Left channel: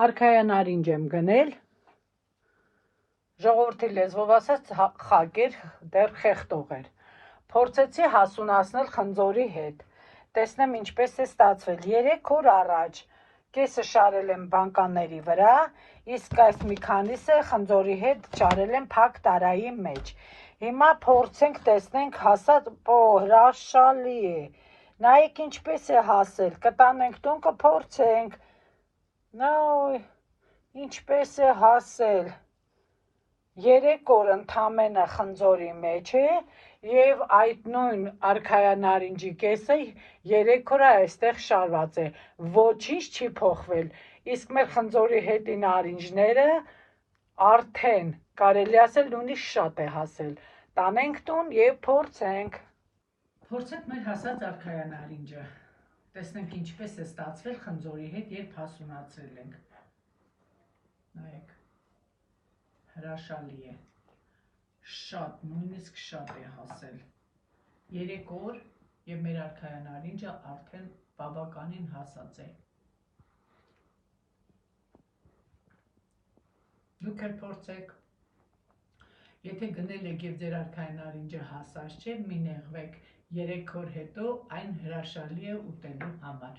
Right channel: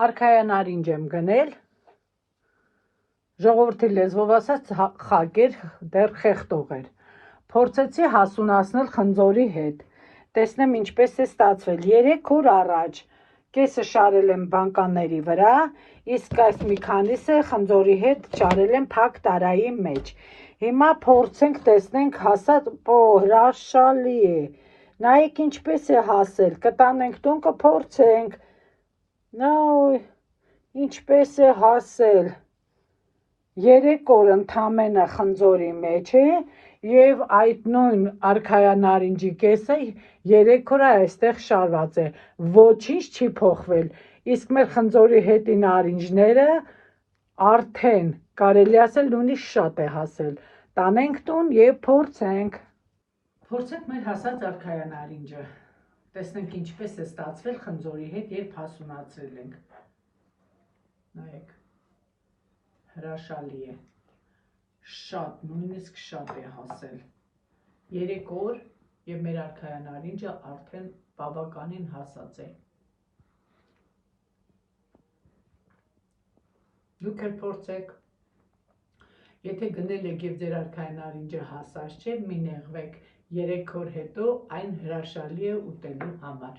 Արքայանարինջ եմ գնել, ժողովրդի լեզվով ասած խակ էր, դեռ խեղտող էր, փորձեցի հասունացնել խնձորի հետ, տեսնեմ ինչպես է ստացվել, 3 օր առաջ կեսը շարել եմ բանկանների վրա, իսկ այս մի քանիսը խնձորի հետ շարել եմ փակ տարայի մեջ, հիմա փորձենք տեսնենք հասած, հրաշալի է, նայեք ինչպես է հասել, կտանենք տուն կփորձենք, ինչպես է հասել, 3 օր ընդամենը խնձորի մեջ է և այդ նույն արքայանարինջի կեսը 3 օր այստեղ շարված է, ոչինչ չի փոխվել, իսկ մեր խնձորի հետի նարինջները արդեն կարելի ասել նույնիսկ շատ է հասել, տանենք տուն և փորձենք մեր հասած արքայանարինջը, տեսնենք ինչպես է ստացվել խնձորի հետ, երբ հասունացրել ենք, նայեք, հրաշալի է, շատ, նույնիսկ շատ է հասել, 3 օր և մեր արքայանարինջը արդեն բավականին հասած է, դուք էլ փորձեք, եթե գնել եք և ձեր արքայանարինջը հասած չէ, մի նեղվեք, 3 օր հետո այն հրաշալի է ուտելու համար։